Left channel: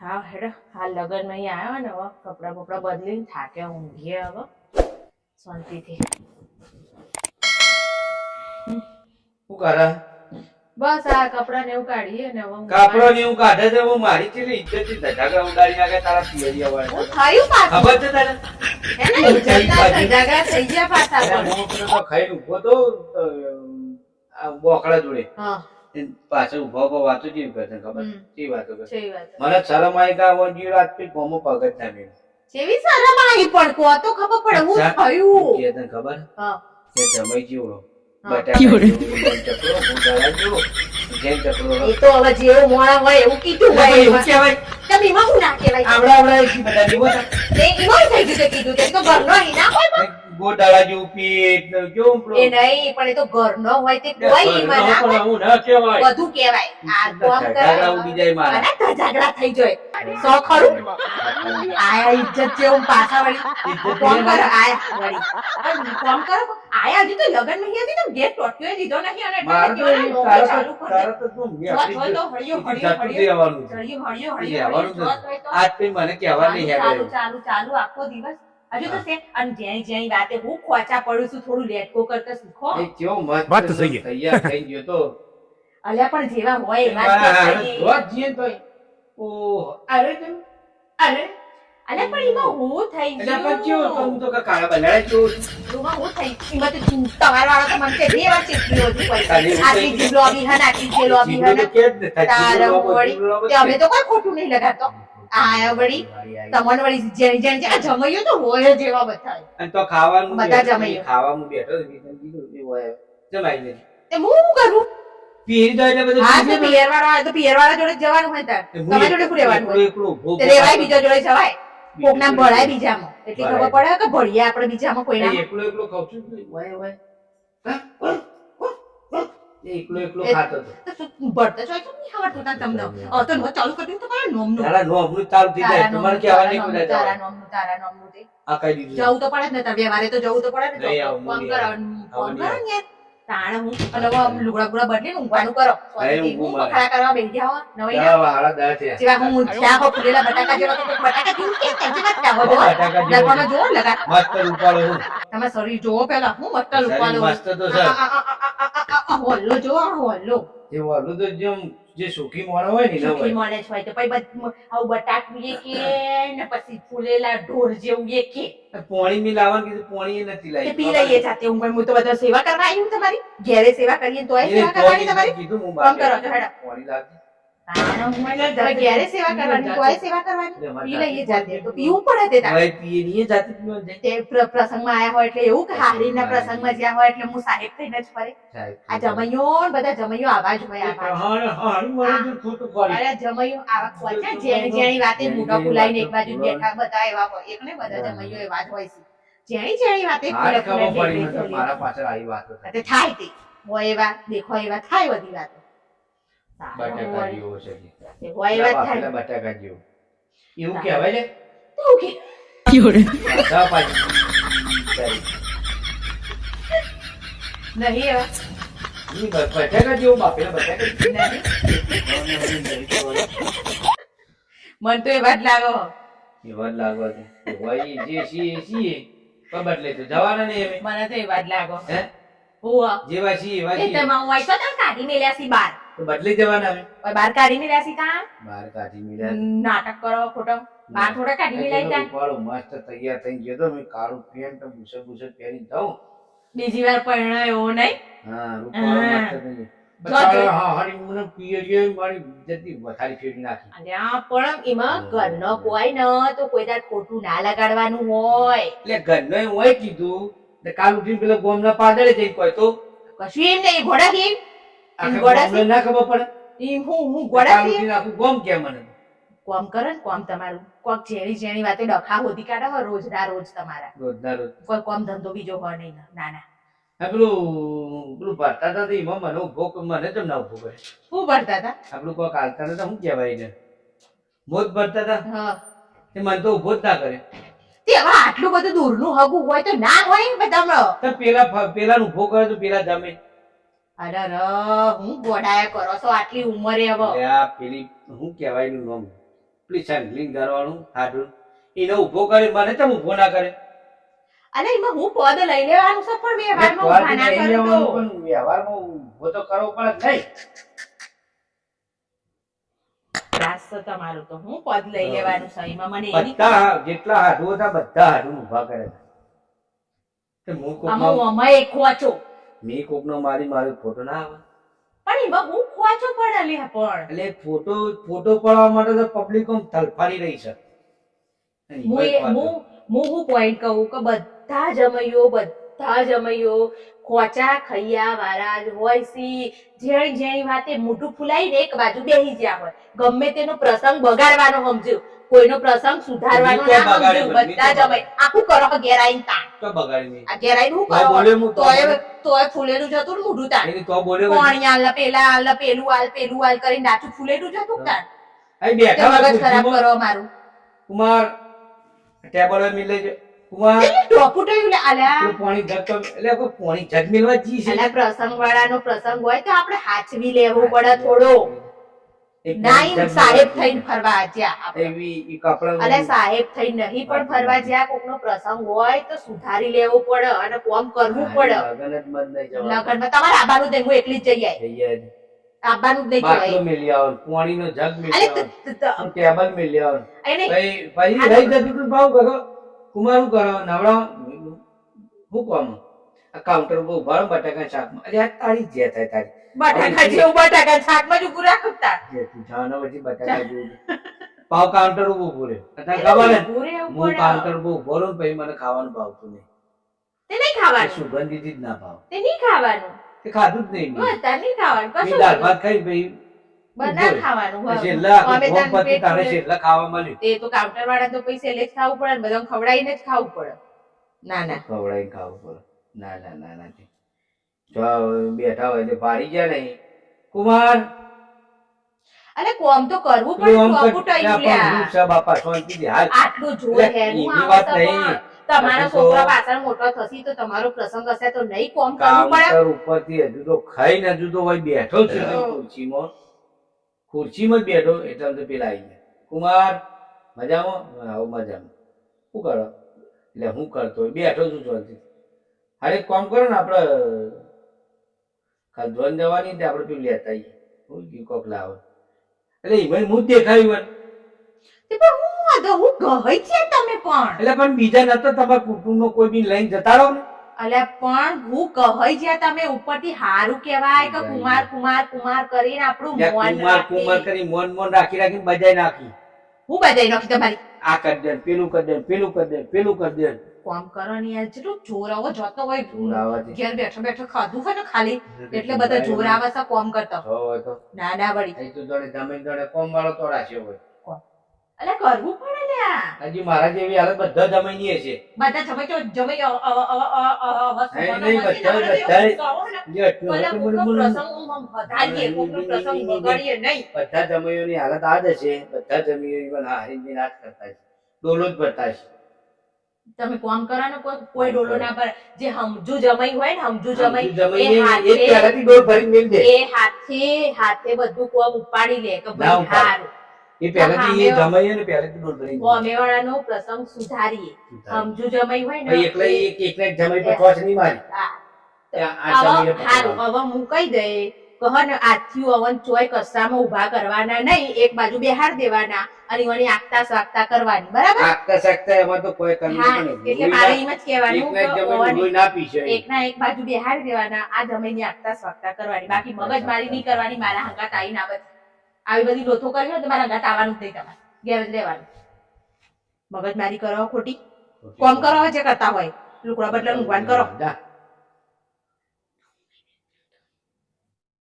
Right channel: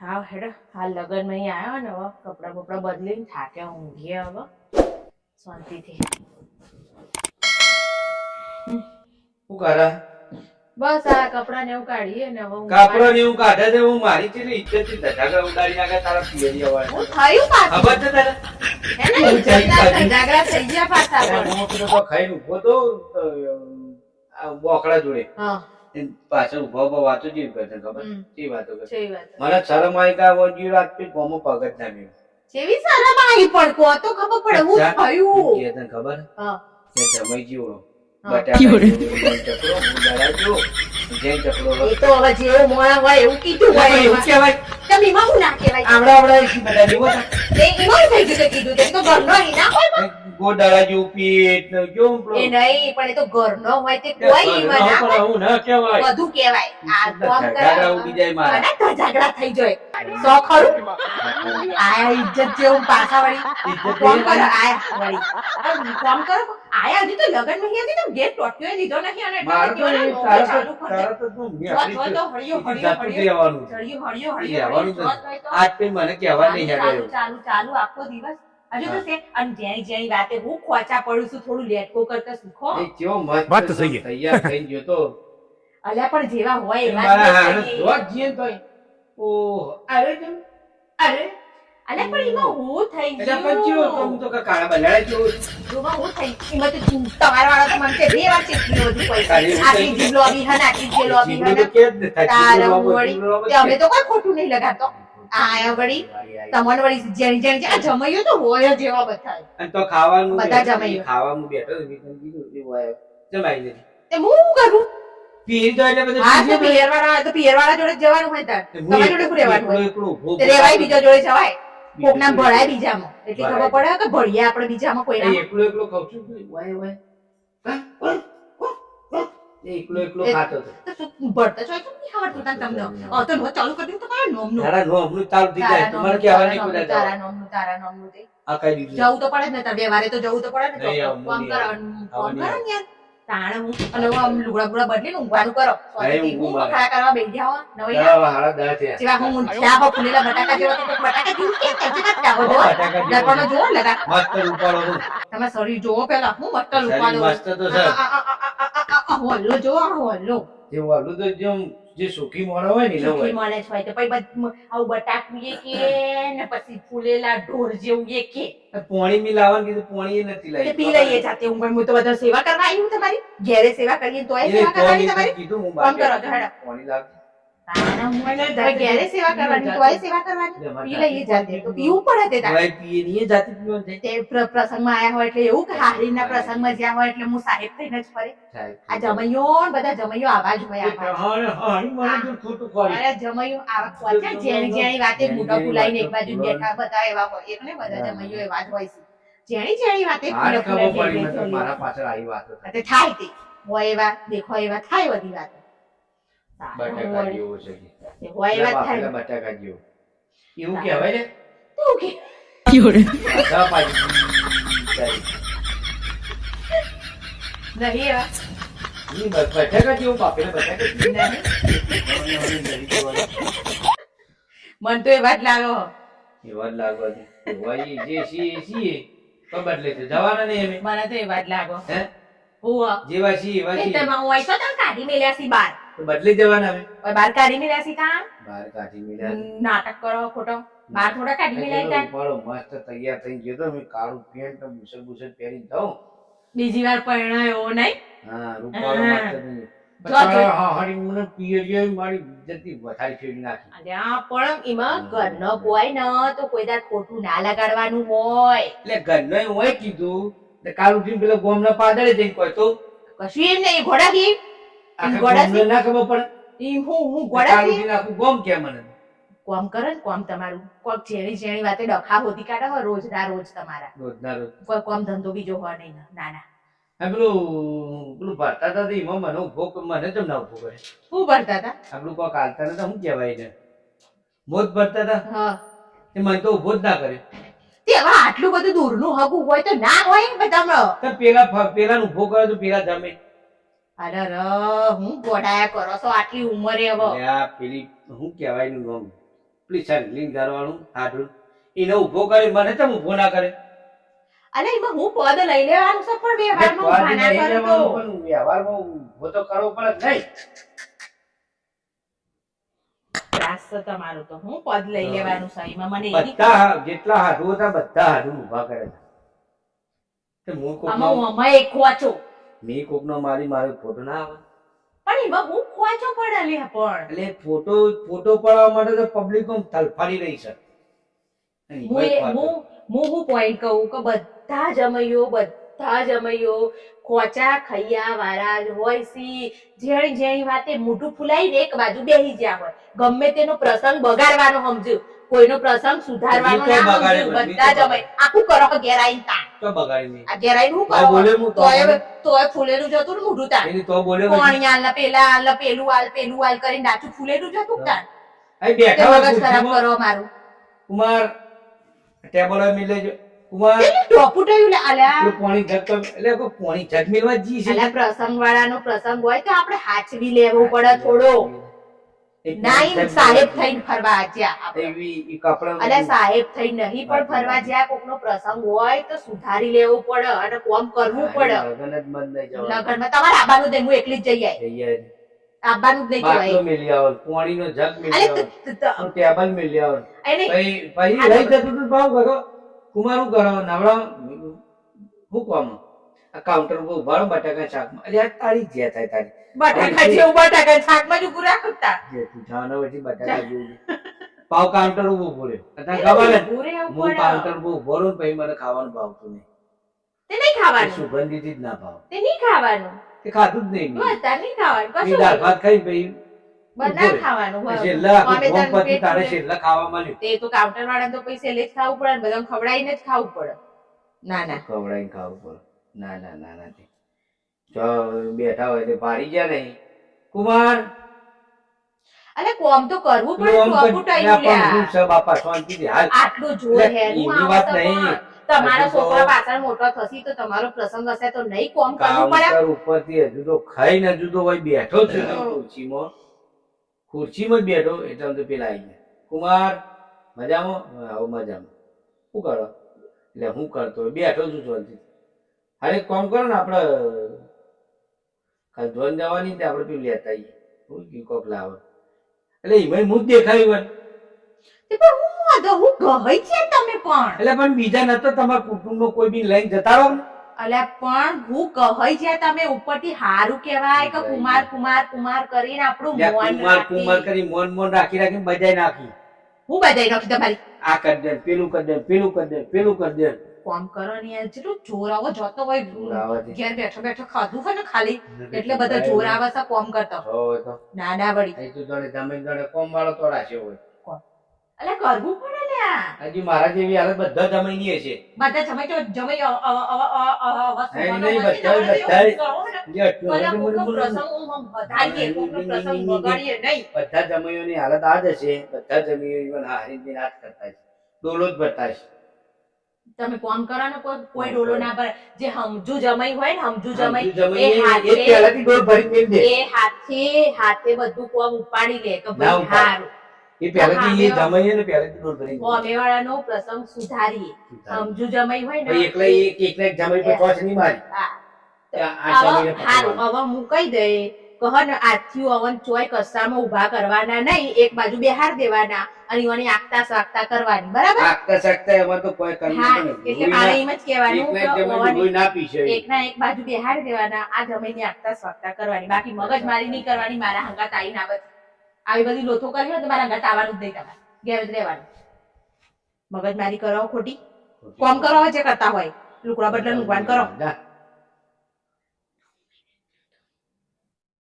હા હેડો. હાલ લગનમાં અહીં આવ્યો ને હવે કપડાં બપડા બદલીને થાકે ઊંઘીએ હવે. શાંતિથી. શું કરે બસ આ કપડાં ને એવું કાઢીએ ને હવે ઊંઘવા- ને એવું કાઢે છે? હું મારી ને ઇજ્જતથી ધજાગરા ઉડાડી નાખે તારા પિયરી વાળા હું થયું પાછું? ખબર છે તને? હે ને? ધજાગરા થઈ ગયા પાછા હું તો ખાઈ ઊભો તો બોકડા જોડે. હા. પાછળ ઊભા ઊભા વાતો જેવી કરશે ખબર. કેવી વાતો કરે છે એ વાત મને શરમ આવી ગયા વોજી રાત પી ગોમો પગત ના. જેવી શરમ આવી પણ કો તો ખબર પડે હું થયું. કે તને ખબર? હા. કે જમાઈ જીવડો જેવો ચકડો હું દળાઈ ગયો જેન ચકડો એ તો હવે જેવું મોણા હોય એવું કીધું હોય એવું. કહેવાય. તમે એમાં હું ના કહેવાય? આવડા આવડા એથી બધા જેવો એમાં હું થઈ ગયું કીધું. તે તો ઘરનો ના હોય પણ. ગોડાળા જેવું પેટ કેવું એ નહીં પણ એ તો ઘરનો હોય તે કોઈ એમાં ના પણ હું ના કહેવાય. બધું કહેવાય. આ કોમ ઘાઘરા ઉડી જાય મારા. કરે ઝઘડા થઈ જાય. સો ખરું આયા ઇજ્જત જેવું પાછા વળી. ઇજ્જત કોમ કર? આયા વળી. કોમ કર? આયા હજી તો લગનમાં હતી તો ગેટ ટોટ્યો દીધો નહીં અને એટલે તો કીધું, એ "નોકરી તારે ચાલુ તો- કરી તો શું, મેં જો તો હળિયો, હળિયો, હળિયો. હળિયો, હળિયો, હળિયો, તો તો આજ પે મને કહેવા નહીં ચાલુ, ચાલુ ચાલુ આખો દિવસ હજુ તો છે અને જેની જેની વાતે હું ખોચા પડું છું થોડું લેટકો કરતા શીખો કેવો મસ્ત વાત તો તૈયાર થઈ ગયો તો. અલ્યા પણ જેવા હોય એવા જ. ઓહ, અરે અરે. એમાં હું થઈ એટલે પણ કેવો તો તો કા- કાળા બંધાડા જેવો એમાં હું થઈ એમાં તો તમારા વાળા તો મને કે બે વાર હોય. આટલી જીભ લોબી હન આટલી જે લોબી હન. તારા અમે તો કોઈ ખોટું નહીં લગાડતો. આયા વળી તમને વળી જેની જેની આ જમૈયો તો હોય જ એવા બધા અને તો ખાવાનું બધા બેઠો, ખાવાનું બેઠો વિધન કીધું હોય. જમાઈ નથી. તે હું કરું? પીર દો એટલે બધું હા તો દો. પિયરવાળા તો પિયરવાળા જોડે જવાનું હોય તાર. તમારા જોડે શું રહેવાનું હોય? તે રેવાય બીજા જોડે જવાય. કોક નામ ભળાય બીજામાં. એટલી ખબર પડે કે ભળીએ આપણે બીજામાં કોઈ ના એકલો એકલો ખાઉં છું. તો વાય વાય. હા? એકલો એકલો ખાતો હતો. ભરતા તું તો નહીં આવડતું તને તમને? તો નો ચાલુ કરી દીધું તમારા નોમનું. તારા નોમનું ચાલુ થઈ જાય. તમારે તો તારા નહીં કોઈ તારા નોમનું તારા નોમનું તે. આ કઈ દીધું જવું તો પડે ને તાર વ્યવહારે તો જવું તો પડે ને તો કામ ફોન કામ કરો આવું. ફોન આવું કરો નહીં ને યાર. તાણે હું અને હવે લુગડા બુગડા બદલીને ઊંઘવાનું કરો. હું મારે. કરવા બેસી જાઓ નવાઈ. જેવા હું ઊંઘ્યા હો ફૂલેલા બટાકા જેવા તો બટાકા જેવું ચાવો જો જેવો. જોવો. ને લગા મસ્ત રૂપાળો હું. તમે શરીર જોવો પેલા હું મસ્ત શરીર મસ્ત તો છે. હોલ્લો જો આ હોલ્લો જે ઓલું તો જેમ જે સુખી મોણો હોય ને એને સુખી હોય. મળે હોય તો પછી આવું બટાકું એ કે ને પછી ફૂલેલા ઢોર જેવું એ કે પોણી મી લાવવાનું કીધું પોણી એ નથી લાવી. પી લઈએ જાતે હું પણ હું તો બધા સેવા કરવા આવી તમારી ઘેરે સેવા કરીએ એને સેવા કરવાની તમારી કીધું હું કરો હેડા પોણી લાવજે. તારા મોંને હવે સેવા કરવાની તોય સેવા કરવાની? પી લઈએ જાતે જાતે તો પીવું પડે તે પીએ નહીં, જાતે પીવાનું તે પ્રસંગમાં આયા હોય એટલે એવું કે હારીના પ્રસંગમાં જ્યાં હોય એટલે હું સાહેબ થઈને જ ફરે. આ જમૈયો ને બધા જમૈયો આવા જ હોય આવા. જ. હારે, હારે, મને જો ખોટું ખોરી. અરે જમૈયો આવા ખોચા જેની જેની વાતે જેની મોઢા જેની એક બાજુ બેઠા બધા એવા હોય. એક ને બધા જમૈયો એવા જ હોય છે. જેની જેની વાતે ફૂલે ફૂલે. મારા પાછળ આવી વાતો થાય. તે. હોય એવા દેખો એવા થાય બધી વાતો. બટાકા હોય જેવો છે કે. હોય વાત થાય બટાકા જેવો. એવું કહેવાય ને તો કે પાછી. નહીં એવા બટાકા જેવો બટાકા મન તો એ વાત લાગો એ વાત લાગવા દે. હોય જે છીએ એ છીએ. પણ બદલે તો જવાના નહીં અમે. મને તો એ વાત લાગો હે? હુઆ જેવા છીએ એવા એ છીએ. તમે હોય છો તમે કાઢી મેલ્યા સી બાર તો બદલી જવાના હવે. બાર કાઢી મેલ્યા છી કા? બાર કાઢી મેલ્યા. નાટક કરો ખોટો. બાર થોડા કાઢી મેલાઈ તા રૂપાળો મસ્ત તૈયાર થઈ ગયો તો મેં કાળું પેન્ટ ને બુસે પહેરી જાઉં. બીજી વાર પરણ્યો એવો નહીં. હા, રૂપાળો મસ્ત થઈ હા, ખોટું ના લગાડવાનું હોય. એટલે ઘરનો હોય કીધું કાલ ઉઠીને પેલા ગોમના પાદરે જઈને કહે તો કશું એમ નહીં ઘોડા થી આખા ના ખબર પડે? એમ હું હું ઘોડા થી આખું ગોમ કે મને? કોમ કરે ને કોમ તમારું. કોક જેણી જેણી વાતે ડખા હોતી કાઢે હોય રોજ ના રોજ તમારા. રોજના રોજ. કોઈ કોમ ધંધો બીજો હોય નહીં ના ના આ પેલું પેલું ભરતા હતા એમાં મને ઊભો મને કેમ ના ઊભો કરે શું ભરતા હતા? આ પેલું કોક હાલતા નતા શું કહેવાય મોત ભરતા હતા? હા. મને તો ઊભો જ ના કરે તે હવે આટલું બધું દૂરનું હગું હોય તો ના હોય ને તો પેલા પેલા ઊભો કરે તો પેલા જમે. અરે ર હું ગોડાયા કરો છો આટલી ઉંમરે હવે? આ પેલી શું કહેવાય એનું નામ? પેલી સંકલીન ઘરવાળું હાડું. એને ઊભો કરે મને તો ઊભો ના કરે? અલે એમાં હું પદ લઈ લેવાનું છે પણ વ્યવહારમાં ઊભા ના નહીં તો? પણ વ્યવહારમાં ઊભો તો કરવો પડે નહીં. ત્રાસ છે તમારો તો. હું પદ લઈ લેવાનું છે એમાં. મને એની બધા જેટલા હાડું હતા બધા હાડું ઊભા કરે છે. તે હું કોકનો આમાં અમે ખોચો મેં કોકનો મારી મારો ફોટો ના આવે. પણ એમાં હું ખોચો પડે લે પણ. એટલે ફોટો ફોટો પડવા માટે તો પબ્લિક આમ તલફાડી રહી છે. હું હું હું પોઈન્ટ કહું કે બધા જમૈયો બધા જમૈયો ખોચા ખૈયા વાળા જ હોય સી. જેણી જેણી વાતે મોઢું ફૂલાઈને એક બાજુ બેહી જ્યાં હોય. ગમે તેનો પ્રસંગ બગાડવાનો સમજ્યો. કોઈનો પ્રસંગ સુધારવાનો ના સમજ્યું. પણ, મી તો આખું કરો ઘેર તા તો બગાડી આ ઘેર હું કરો? બોલ્યો હું તો તોય ફૂલેલું જતું ને મોઢું તો આલ પેલા આલ પેલું આલ પેલું આલ કરીને ડાચું ફૂલેલું જતું અહીં બેઠા ખરાબ કરો મારું કુમાર ટેબલ મિલે કુમાર. ટોપુ ટોયું લે આલ્યા જગ એટલે કોઈ પાણી જગ મિલવા જી છે અલા પ્રસંગ વાળાનો પ્રસંગ હોય તો આપણે હાચવી લેવું પડે થોડો. નાઈન સાહેબ થઈને ફરવા જ્યાં એવી કપડા અલા સાહેબ થઈને નહીં પણ ફરવા. જ્યાં કોકનો પ્રસંગ હોય તો સુધારી લેવો પડે અને કોમ કરવું પડે. લગન જ મન નહીં જવાનું. લગનમાં તમારે આબાનું નહીં હું એકલી જ જઈ આઈ. જઈએ જ. આબાનું જ નહીં કહેવાય મેલી આવો પાણીનો જગ મેલી આવો ટેબલ મેલી આવો એને પછી પછી રહી જતું તું ભાવ કરો કુમાર કરો નવડા શું આ કાઉન્ટર ઉપર ઊભા બટાકા શાકમાં. અરે આ તારી જે થાય તારી. બટાકા જેવું બટાકા શાકમાં જ ઉભું રાખતા. જે તું જાણો પછી બટાકા જેવું પાવ કાઉન્ટર ઉપર ઊભો રહ્યો. તને ખબર હે? કાઉન્ટર ઉપર ઊભો રહું પછી મને ખાવાનું ભાવતું નહીં. તે નહીં ખાવાનું? સુગંધિત જ ના ભાવ. તે નહીં ખાવાનું? તે ખાધું જ નહીં મેં. અત્યારે નહીં ખાવાનું. કશું દાળ ભાત ખાઈ પછી બના ખાવાનું હોય. છેલ્લા આખું અમે ગોમ તારું પતી પેટ તારે છેલ્લા ખાવા મળ્યું. તે તો કાઉન્ટર વાળા તો પૈસે લે ખાવું પડે ને બધાને ખવડાવીને જ ખાવું પડે. ના ના. ખવડાવીને ખાવું પડે. ના ના ના ના જો બેઠા હોય એટલે ભારી ગયા નહીં કુમાર! અલે કોમ તો કરવું પડે લ્યા પણ હાલ. આટલું જોર એટલે એની વાત નહીં. તમારા છોકરા પાછળ મોટો થશે તો તમારો પ્રસંગ હશે તો નહીં કોમ કરવું પડે? ઉપર ઉપરથી હજુ તો ખાઈને હજુ તો હોય બેઠો છે. હમ. ખુરશીમાં જ બેઠો એટલે આમ તો પેલા આવી ગયા. કુમાર મજામાં? આવો મજામાં. શું કરો? એટલે હું કરતો? બેઠો છું શાંતિથી. અરે કામ કરો ને આપણે કાલ ધ્વન જવાની તે આપણે પેલું લેતા આવીએ. હું કયું કોક લાવે. એટલે એમાં હું જ દેખાયું. તે પણ હું વાંધો હું ગઈ છે તમે પણ. એટલે પણ બીજા નતો તમારા કુટુંબનો કોઈ બી લઈને જતા રહો ને? અલ્યા પણ હું કહી જ્યાં તમે ઉપરથી હારું કહેવાય કે કુમાર કુમાર કુમાર કરીને આપણું મોન કુમાર કુમાર કરી મોન મોન રાખી રાખી બજાઈ નાખી. હું બજાઈ નાખી તમારી? આ કરી દે પેલું કરી દે પેલું કરી દે પેલું કરી દે કોમ કરો ને યાર જેટલું જોરાવો આવો જોતો હોય. ઘેર બેઠો બેઠો ખાધું હોય ને ખાલી એટલે બધા જોરાવા સા કોમ કરતા. હોય ના ના વળી. તો જાણે જમીન જણે કોમ વાળો તો રાખ્યો હોય. અલ્યા કરવું પડે હજી મારા જેવી હાલત બધા જમાઈ હશે બધા જમાઈ તો જમાઈ બધા- ને. હાલત આ જ હશે બધા જમીઓ હારી કરતા છે ડોલો જ ભરતા છે તમે કોમ કરો ને કોઈ ડોલો ના ભરે જે હમજુ જમાઈ હોય ને હમજુ જમાઈ એ હાથે- એ હાથે હાથે બધું કોમ ઉપાડી લે કે ના ભાઈ હારું એ પહેલેથી જમાઈએ ને પહેલાથી ડોલ મેલ દે. પ્રસંગ સુધારીએ. સમજુ જમાઈ હોય ને એકલા એક એકને જમાઈ પર ટોચ નહીં મારી. હા. હવે મુકાઈ દે કહો ને અવન ચોય કસ્સામાં ઊભા કરવાના નહીં એક બાજુ બેહાર દેવાના અને એવાની આગતા સાગતા કરવાની બરાબર? આગતા સાગતા એમાં તો કોઈ કરવું હા એટલે મારે એમ જ કહેવાનું ના પીશે એકના એક બાજુ બેહાર દેવાના આ જમીનની આગતા સ્વાગતા કરવાની. બાકી મગજ મારી નહીં કરવાની મારા હંગાત તાઈ ના બધી. આવી બધી લોથો કરવી હોય તો મારા હંગાત આવવાનું જ નહીં તમારે. ઘેર જ રહેવાનું. મગજ મારી કરો ખોટી. કોમ કરો જે કરતા હોય. લુકડા બદલા નુકવાન કરો. જા.